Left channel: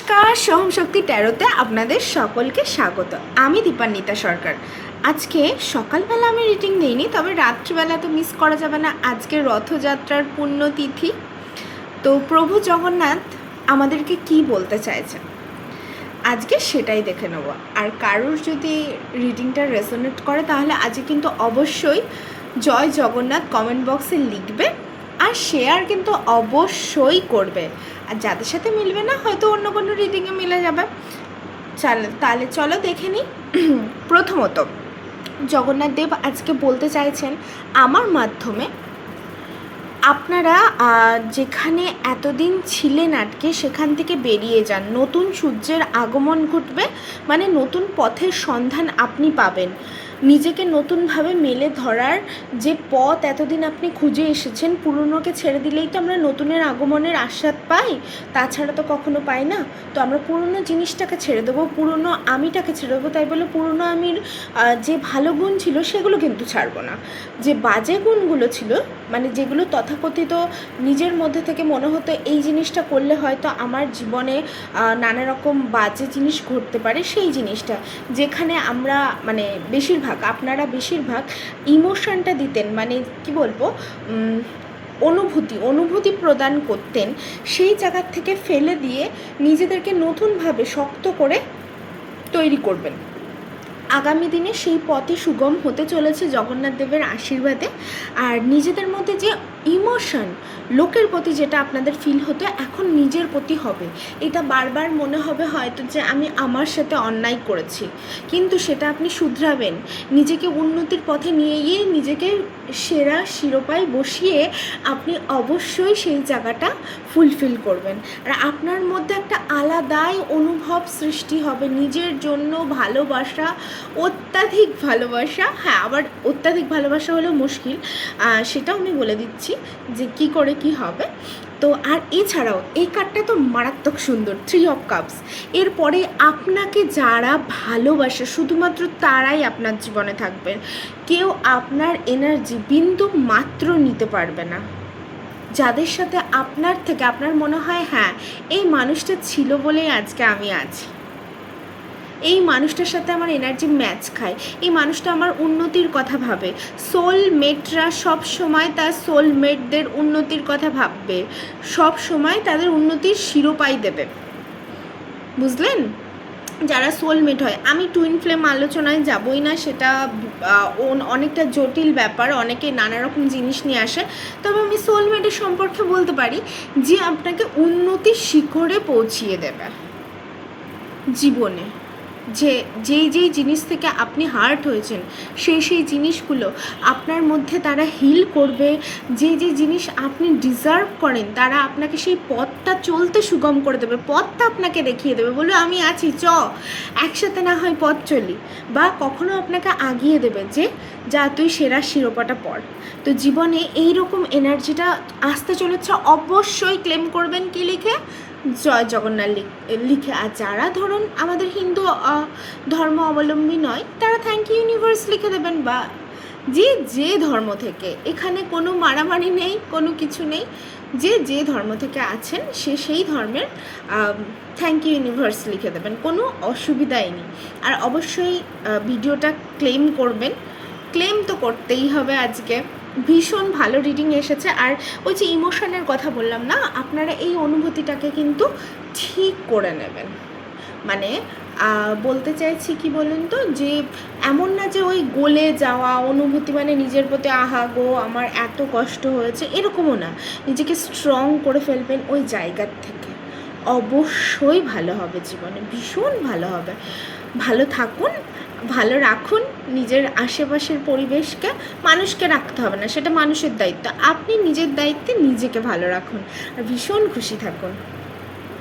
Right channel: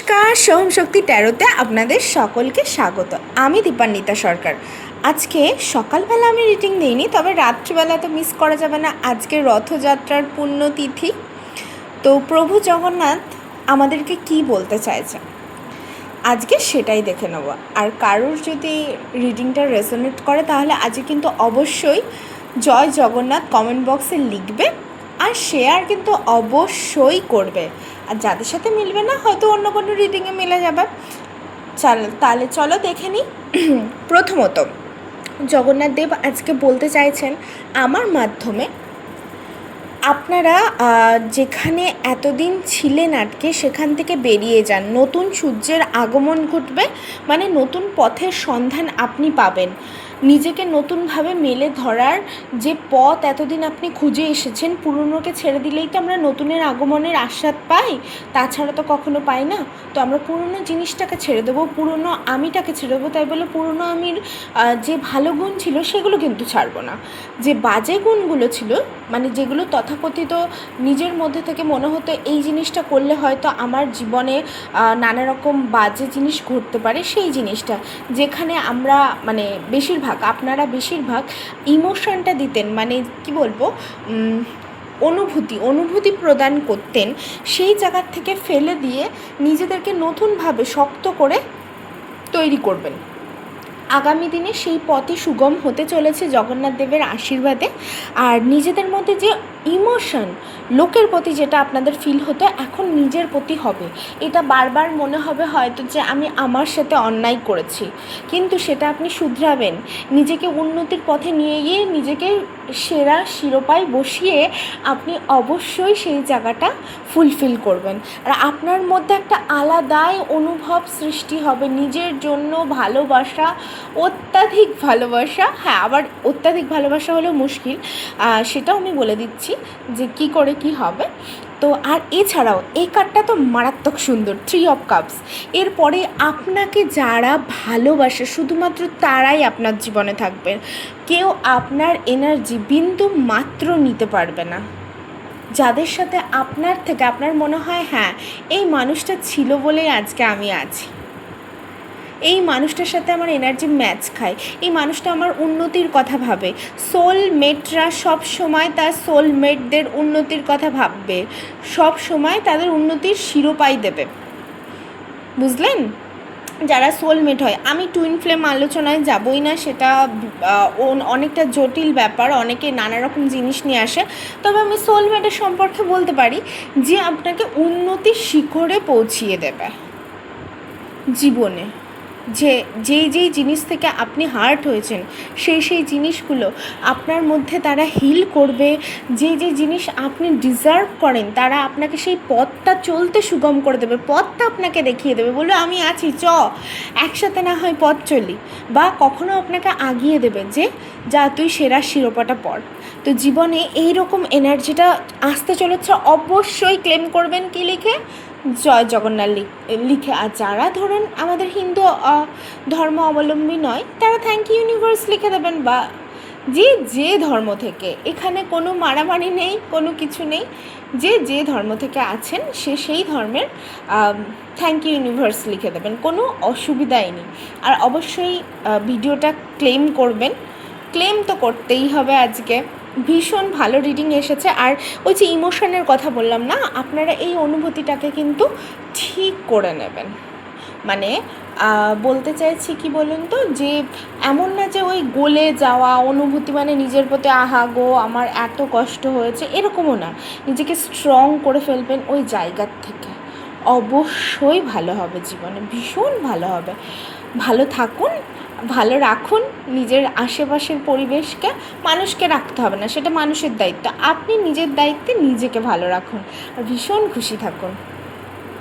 নমস্কার, সোহম শক্তি ট্যারোতে আপনাদের সকলকে স্বাগত। আমি দীপান্বিতা সরকার। আজকে সকালবেলা আমি রিডিং দিইনি, তবে রাত্রিবেলা তো মিস করা যাবে না। আজকে রথযাত্রার পুণ্যতিথি। তো প্রভু জগন্নাথ আমাদেরকে কি বলতে চাইছে আজকে সেটাই দেখে নেব। আর কারোর যদি রিডিংটা রেজোনেট করে তাহলে আজকে কিন্তু অবশ্যই জয় জগন্নাথ কমেন্ট বক্সে লিখবে আর শেয়ার কিন্তু অবশ্যই করবে। আর যাদের সাথে মিলবে না হয়তো অন্য কোনো রিডিংয়ে মিলে যাবে। তাহলে চলো দেখে নিই। প্রথমত জগন্নাথ দেব আজকে বলতে চাইছেন আমার মাধ্যমে, আপনারা যেখানে এতদিন ছিলেন আটকে সেখান থেকে বেরিয়ে যান। নতুন সূর্যের আগমন ঘটবে, মানে নতুন পথের সন্ধান আপনি পাবেন। নিজেকে নতুনভাবে মেলে ধরার যে পথ এতদিন আপনি খুঁজে এসেছেন, পুরনোকে ছেড়ে দিলেই তো আমরা নতুনের আগমনের আস্বাদ পাই, তাছাড়া তো কখনো পাই না। তো আমরা পুরনো জিনিসটাকে ছেড়ে দেবো, পুরনো আমিটাকে ছেড়ে দেবো। তাই বলে পুরনো আমির যে ভালো গুণ ছিল সেগুলো কিন্তু ছাড়বো না। যে বাজে গুণগুলো ছিল, মানে যেগুলো তথাকথিত নিজের মধ্যে থেকে মনে হতো এই জিনিসটা করলে হয়তো আমার জীবনে নানা রকম বাজে জিনিস ঘটতে পারে, সেই জিনিসটা যেখানে আমরা মানে আপনারা বেশিরভাগ ইমোশনটা দিতেন, মানে কি বলবো, অনুভূতি প্রদান করতেন, সেই জায়গার থেকে ফেলে দিয়ে নিজেদেরকে নতুনভাবে শক্ত করে তৈরি করবেন। আগামী দিনে সেই পথই সুগম হতে চলেছে জগন্নাথ দেবের আশীর্বাদে। আর নিজেদের মধ্যে যে ইমোশন, লোকের প্রতি যেটা আপনাদের ফিল হতো এখন নিজের প্রতি হবে। এটা বারবার মনে হবে হয়তো যে আমি আমার সাথে অন্যায় করেছি, কিন্তু সেটা আপনি শুধরাবেন। নিজেকে উন্নতির পথে নিয়ে গিয়ে নিজেকে সেরা শিরোপায় বসিয়ে আপনি অবশ্যই সেই জায়গাটা ফুলফিল করবেন। আর আপনার মধ্যে একটা আলাদাই অনুভব সৃষ্টি হবে নিজের জন্য। ভালোবাসা, অত্যাধিক ভালোবাসা। হ্যাঁ, আবার অত্যাধিক ভালোবাসা হলেও মুশকিল, সেটাও আমি বলে দিচ্ছি যে কি করে কি হবে। তো আর এছাড়াও এই কার্ডটা তো মারাত্মক সুন্দর, 3 অফ কাপস। এরপরে আপনাকে যারা ভালোবাসে শুধুমাত্র তারাই আপনার জীবনে থাকবে। কেউ আপনার এনার্জি বিন্দু মাত্র নিতে পারবে না। যাদের সাথে আপনার মনে হয় হ্যাঁ এই মানুষটা ছিল বলেই আজকে আমি আছি, এই মানুষটার সাথে আমার এনার্জি ম্যাচ খায়, এই মানুষটা আমার উন্নতির কথা ভাবে। সোলমেটরা সব সময় তার সোলমেটদের উন্নতির কথা ভাববে, সব সময় তাদের উন্নতির শিরোপাই দেবে, বুঝলেন? যারা সোলমেট হয়, আমি টুইন ফ্লেম আলোচনায় যাবই না, সেটা অনেকটা জটিল ব্যাপার, অনেকে নানা রকম জিনিস নিয়ে আসে। তবে আমি সোলমেটের সম্পর্কে বলতে পারি যে আপনাকে উন্নতির শিখরে পৌঁছিয়ে দেবে জীবনে। যেই জিনিস থেকে আপনি হার্ট হয়েছেন সেই জিনিসগুলো আপনার মধ্যে তারা হিল করবে। যে জিনিস আপনি ডিজার্ভ করেন তারা আপনাকে সেই পথটা চলতে সুগম করে দেবে, পথটা আপনাকে দেখিয়ে দেবে, বলবে আমি আছি, একসাথে না হয় পথ চলি, বা কখনো আপনাকে আগিয়ে দেবে যে যা তুই সেরা শিরোপাটা পড়। তো জীবনে এই রকম এনার্জিটা আসতে চলেছে, অবশ্যই ক্লেম করবেন। কি লিখে? জয় জগন্নাথ লিখে। আর যারা ধরুন আমাদের হিন্দু ধর্ম অবলম্বী নয় তারা থ্যাংক ইউ ইউনিভার্স লিখে দেবেন, বা যে ধর্ম থেকে, এখানে কোনো মারামারি নেই, কোনো কিছু নেই। যে ধর্ম থেকে আছেন সেই ধর্মের থ্যাংক ইউ ইউনিভার্স লিখে দেবেন, কোনো অসুবিধাই নেই। আর অবশ্যই ভিডিওটা ক্লেম করবেন, ক্লেম তো করতেই হবে। আজকে ভীষণ ভালো রিডিং এসেছে। আর ওই যে ইমোশনের কথা বললাম না, আপনারা এই অনুভূতিটাকে কিন্তু ঠিক করে নেবেন। মানে বলতে চাইছি কি বলুন তো, যে এমন না যে ওই গলে যাওয়া অনুভূতি, মানে নিজের প্রতি আহা গো আমার এত কষ্ট হয়েছে, এরকমও না। নিজেকে স্ট্রং করে ফেলবেন ওই জায়গার থেকে, অবশ্যই ভালো হবে জীবনে, ভীষণ ভালো হবে। ভালো থাকুন, ভালো রাখুন নিজের আশেপাশের পরিবেশকে। মানুষকে রাখতে হবে না, সেটা মানুষের দায়িত্ব। আপনি নিজের দায়িত্বে নিজেকে ভালো রাখুন আর ভীষণ খুশি থাকুন।